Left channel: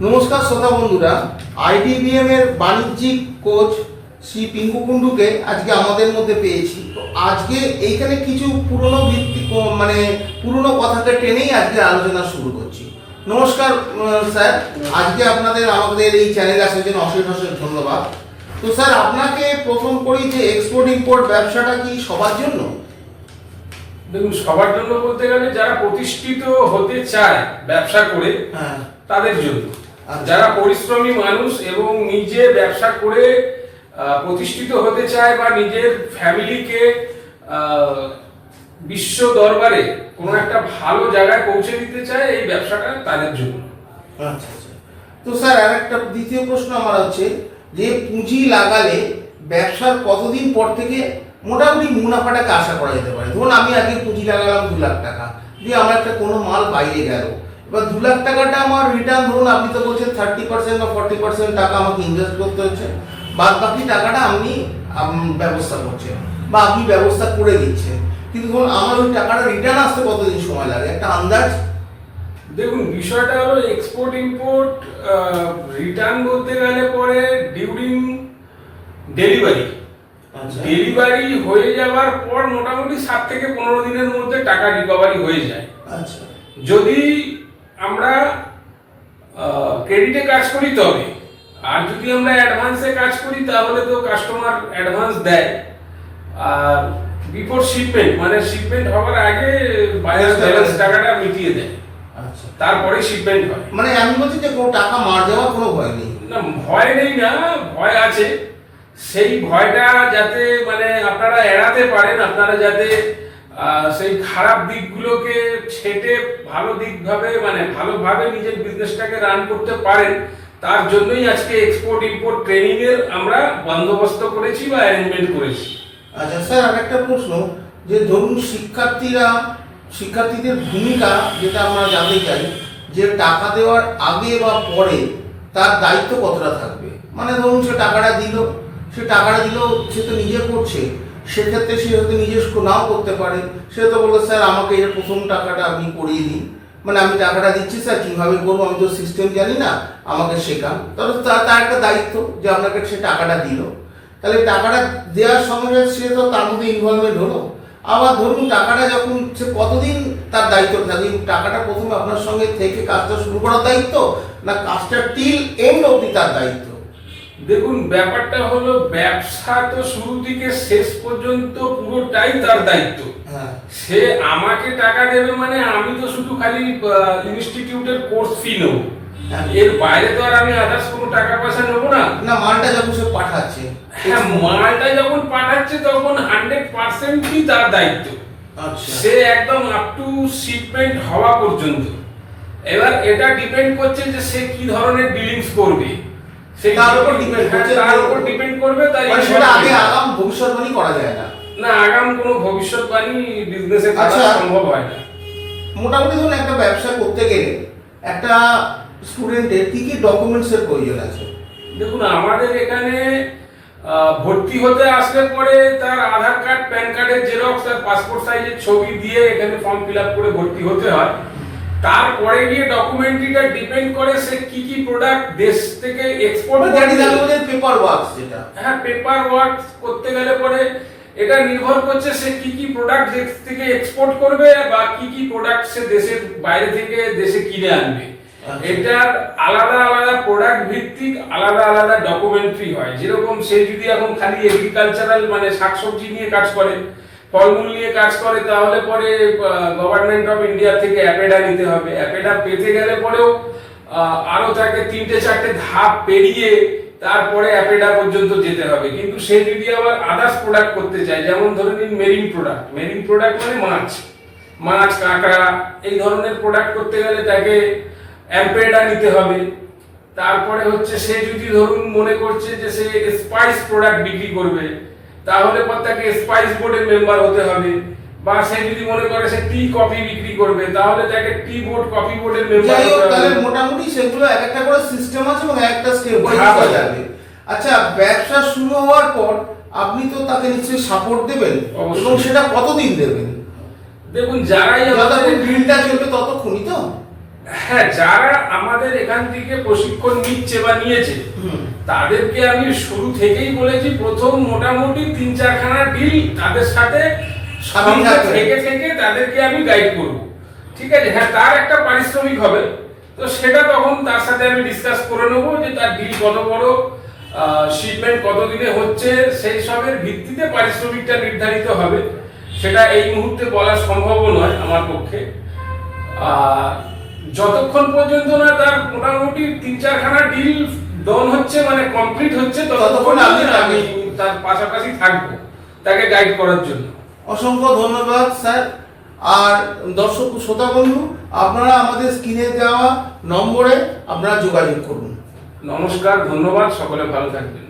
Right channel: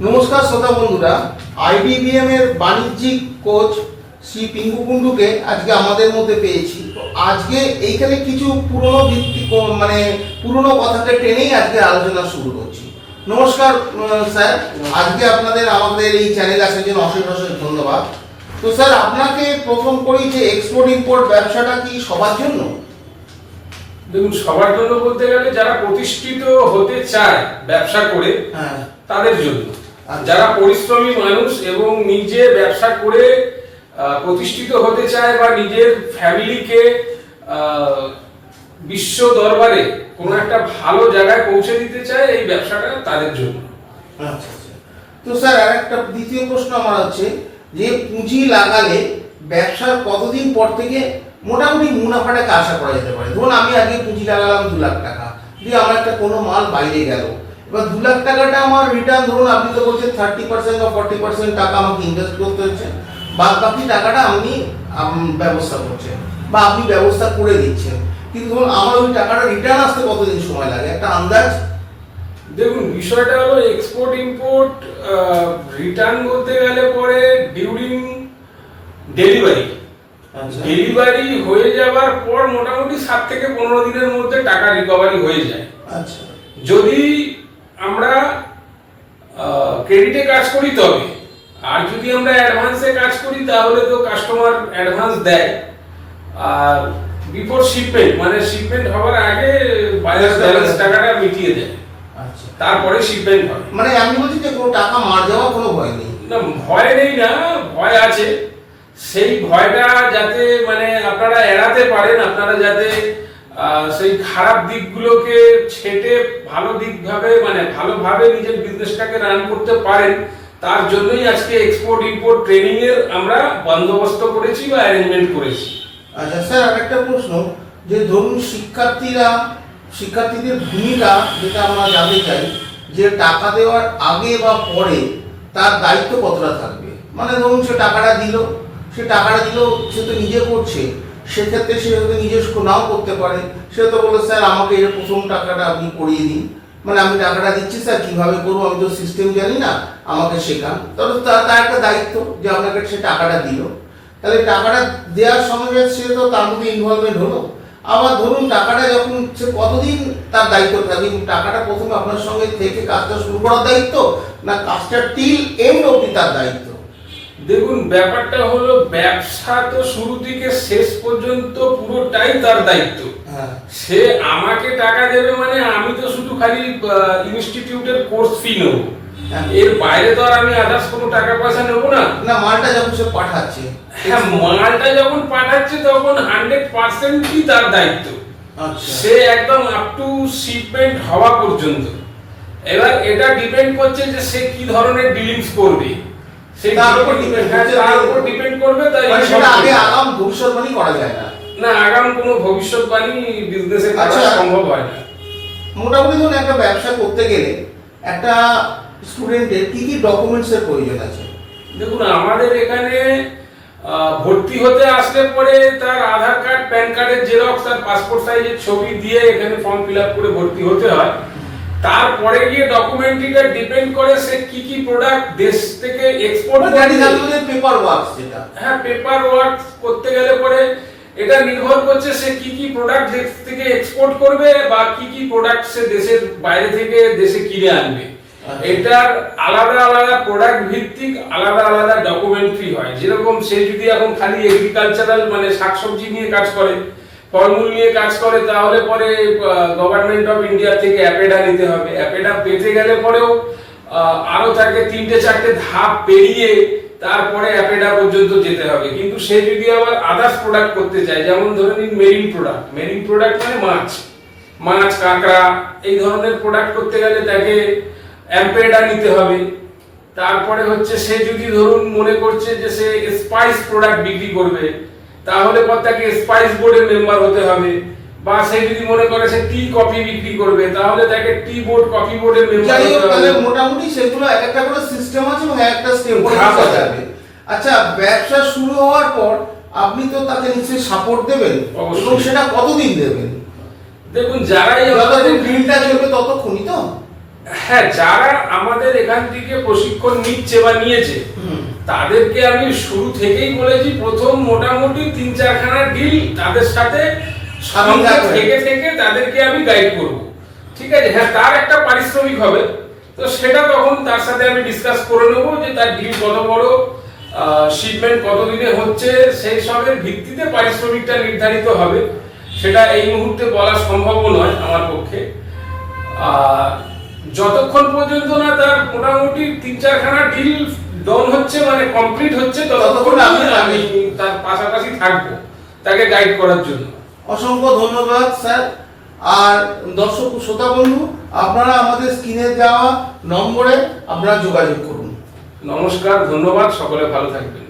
নমস্কার শ্রোতা বন্ধুরা আইডিবিএম এর বাণিজ্যিক কোচ শ্রী পিঙ্কু কুন্ডুকে আজকে আমাদের মধ্যে পেয়েছি। তো আজকে এইখানে কিছু পুরনো ভিত্তি মানে পুরনো কথাকে টেনেই আজকে আলোচনা শুরু করছি। নমস্কার স্যার। আজকে আপনাদের আমাদের এই চ্যানেলে আসার জন্য অশেষ অশেষ ধন্যবাদ। তো স্যার আপনাকে প্রথম করি যে এক্সপোর্ট ইম্পোর্ট ব্যবসাটা কি সবার জন্য? দেখুন সবার জন্য বলতে গেলে যারা প্রতিষ্ঠিত হতে চায় ব্যবসা করে হ্যাঁ। তাদের জন্য। যারা পরিশ্রমী মানুষ এবং নিজে ব্যবসা করে প্রতিষ্ঠিত হতে চায় বা নিজের ফ্যামিলিকে বিশ্ব দরবারে কোনো একটা ভালো জায়গায় পৌঁছে দিতে চায়, এই ব্যবসাটা তাদের জন্য। আচ্ছা আচ্ছা। তো স্যার, আর একটা দ্বিতীয় প্রশ্ন আমার হচ্ছে যে, পুঁজি লাগালে ব্যবসার কতদিন পর থেকে মোটামুটি মুনাফাটাকে আশা করা যেতে পারে? ধরুন, আমি আগে পুঁজি লাগালাম দু লাখ টাকা, দিয়ে আমার একটা কোনো মাল বাইরে গেল। এবার দু লাখ টাকাটা আমার রিটার্ন ধরুন আপনি তো বলছেন থার্টি পার্সেন্ট বা ফর্টি পার্সেন্ট টাকা আমাকে ইনভেস্ট করতে হচ্ছে। বাদ বাকি টাকাটা আপনি ব্যবস্থা করছেন বা আপনি ব্যবস্থা করে দিচ্ছেন। কিন্তু ধরুন আমার ওই টাকাটা রিটার্ন আসতে কতদিন সময় লাগে? একটা আন্দাজ? দেখুন বিষয়টা হলো এক্সপোর্ট ইম্পোর্ট রিটার্ন বলতে গেলে পরে ডিউরিং ডেলিভারি ডেলিভারি হয়ে যাওয়ার পর মোটামুটি সাত থেকে পনেরো দিনের মধ্যে টাকা রিকভারি হয়ে যায়। আচ্ছা। যদি আমরা ক্রেডিটে কাজ করি তবে। আর যদি আমরা অ্যাডভান্সে কাজ করি তাহলে তো কাস্টমার অ্যাডভান্স দেয়। আর বিফোর শিপমেন্ট মানে শিপমেন্ট হওয়ার আগে বাজার ব্যালেন্স টাকাটা মিটিয়ে দেয়। আচ্ছা। তারপরে শিপমেন্ট হয়। মানে আমি বলছি যে কোনো টাকা মার যাওয়ার কোনো ভয় নেই। না ভয় নেই না ভয় আছে। সেই ভয়টা যাতে মানে আপনারা এড়াতে পারেন আপনারা যাতে সেই খারাপ দিকগুলোকে ছেটে ভালো দিকভাবে মানে ভালোভাবে নিজের বিজনেসটাকে রান করতে পারেন, তার জন্যই আজকে এক্সপোর্ট ইম্পোর্ট ট্রেনিং এর আমরা বন্দোবস্ত করেছি বা অ্যারেঞ্জমেন্ট করেছি। আচ্ছা স্যার, আরেকটা প্রশ্ন, যে ধরুন শিক্ষার্থীরা, শিক্ষার্থীদের ভূমিকা যেটা আমরা জানতে চাই, যে টাকা দেওয়ার আগে বা পরে তার দায়িত্ব কতটা থাকবে? মানে ধরুন সে টাকাটা দিল, সে টাকাটা দিল, সে তো নিজে করছে সেক্ষেত্রে সে হয়তো নিজস্ব নাও করতে পারে। সে তো বলে স্যার, আমাকে এর প্রথম টাকাটা আপনি করিয়ে দিন। মানে আমি টাকাটা দিচ্ছি, স্যার, কীভাবে করব আমি তো সিস্টেম জানি না, আমাকে শেখান। তাহলে তার একটা দায়িত্ব যে আপনাকে সে টাকাটা দিল। তাহলে টাকাটা দেওয়ার সঙ্গে সে তো তার মধ্যে ইনভলভমেন্ট হলো। আবার ধরুন, টাকাটা যখন সে কতদিন তার দায়িত্ব থাকবে টাকাটা প্রথমে আপনার সঙ্গে থেকে কাজটা শুরু করার দায়িত্ব? না, কাজটা টিল এন্ড অবধি তার দায়িত্ব? দেখুন ব্যাপারটা হলো ব্যবসা তো শুরু থেকে শেষ পর্যন্ত পুরোটাই তার দায়িত্ব। হ্যাঁ। সে আমাকে টাকা দেবে মানে আমি তো শুধু খালি ইনস্টিটিউটের কোর্স ফি নেব। হ্যাঁ। এর বাইরে তো আর আমি আদার্স কোনো টাকা পয়সা নেব না। না মালটা যখন সে পাঠাচ্ছে। হ্যাঁ মালটা যখন পাঠাচ্ছে তখন হান্ড্রেড পার্সেন্টই তার দায়িত্ব। আচ্ছা। সে একদম আপ টু শিপমেন্ট হওয়া পর্যন্ত। এবার এটা ডিপেন্ড করছে যে সে কি ধরনের ডিলিংস করবে। তার উপর depend হ্যাঁ, করছে তার উপর ডিপেন্ড করবে তাই মানে সেটা আগে আগাম ভবিষ্যৎবাণী করা যায় না। না আগাম কোনো ভবিষ্যৎবাণী বিজনেসে করা আচ্ছা। সম্ভব হয় না। মোটামুটি ধরুন একটা ব্যবসা করতে গেলে একটা স্টুডেন্টের কি কি ডকুমেন্টসের প্রয়োজন আছে? দেখুন আমাদের এখানে ভর্তি হতে আসলে পরে তার আধার কার্ড প্যান কার্ডের জেরক্স আর পাসপোর্ট সাইজের ছবি দিয়ে এখানে ফর্ম ফিল আপ করে ভর্তি হতে হয়। তারপরে গিয়ে ডকুমেন্টরিটা ডিপেন্ড করে সে কি কি প্রোডাক্ট দেশ থেকে এক্সপোর্ট দ্যাট ইজ আমাদের পেপার ওয়ার্কস যেটা। হ্যাঁ পেপার ওয়ার্ক করতে গেলে পরে এটা নির্ভর করছে সে কি কি প্রোডাক্ট দেশ থেকে এক্সপোর্ট করবে বা কি কি প্রোডাক্ট সে দেশের বাইরে থেকে দেশে কিনে আনবে। আচ্ছা। এটার আলাদা আলাদা প্রোডাক্ট ভিত্তিক আলাদা আলাদা ডকুমেন্টারি হয়। যেরকম সে যদি এখন খালি এগ্রিকালচারাল মানে শাকসবজি নিয়ে কাজ করে ফলমূল নিয়ে কাজ করে, তাহলে পরে গভর্নমেন্ট অফ ইন্ডিয়া থেকে অ্যাপেডা নিতে হবে। অ্যাপেডা পেতে গেলে পরেও আরও তাকে তিনটে, চারটে ধাপ পেরিয়ে তারপরে অ্যাপেডা পর্যন্ত যেতে হবে। কিন্তু সে যদি আবার আদার্স প্রোডাক্ট করতে চায়, যেমন ধরে নিন মেরিন প্রোডাক্ট মেরিন প্রোডাক্ট মানে মাছ। মাছ, কাঁকড়া, এই ধরনের প্রোডাক্ট করতে গেলে তাকে অ্যাম্পেডা নিতে হবে। তারপরে হচ্ছে সে যদি ধরুন মনে করছে যে সে স্পাইস প্রোডাক্ট বিক্রি করবে তাহলে পর তাকে স্পাইস বোর্ডের মেম্বার হতে হবে। বা সে যদি মনে করে সে টি কফি বিক্রি করবে তাহলে তাকে টি বোর্ড কফি বোর্ডের মেম্বার হতে তাহলে হবে। মোটামুটি সেগুলো এক একটা করে সিস্টেম আছে এবং একটা স্টেপ ধাপ করা আছে। যাবে। আচ্ছা ব্যবসা শুরু হওয়ার পর আপনি তো তাকে নিশ্চয়ই সাপোর্ট দেবেন অবশ্যই। এবং সেটা কতদিন দেবেন? দেখুন যারাই আমাদের গ্রিনটা চলবে ততক্ষণই তো। হ্যাঁ যারা আমাদের এখান থেকে প্রশিক্ষণ নিচ্ছে বা নিয়েছে হুম। তাদেরকে আমি শুরু থেকেই বলেছি প্রথম মোটামুটি তিন চারখানা ডিল তাদের সাথে সঙ্গে থেকে থেকে তাদেরকে আমি গাইড করব। ঠিক আছে? হ্যাঁ তার একটা পারিশ্রমিক হবে। তো সেটা তখন তার সাথে আমি ডিসকাস করে নেব যে তার ডিল কত বড় শিপমেন্ট কতদিনে হচ্ছে সেই সবের ভিত্তিতে পারিশ্রমিকটা নির্ধারিত হবে। সেটা এই মুহূর্তে বলা সম্ভব নয় আমার পক্ষে। আর যতক্ষণ পর্যন্ত না তার মোটামুটি তিন চারখানা ডিল ডন হচ্ছে মানে কমপ্লিট হচ্ছে ততক্ষণ আমি- আমি তার পাশাপাশি থাকব তাকে গাইড করার জন্য। অসংখ্য ধন্যবাদ স্যার। আর দর্শক শ্রোতা বন্ধু আপনারা আমাদের স্ক্রিনে দেওয়া নম্বরে আপনারা যোগাযোগ করুন। নমস্কার ধন্যবাদ সকলে ভালো থাকবেন।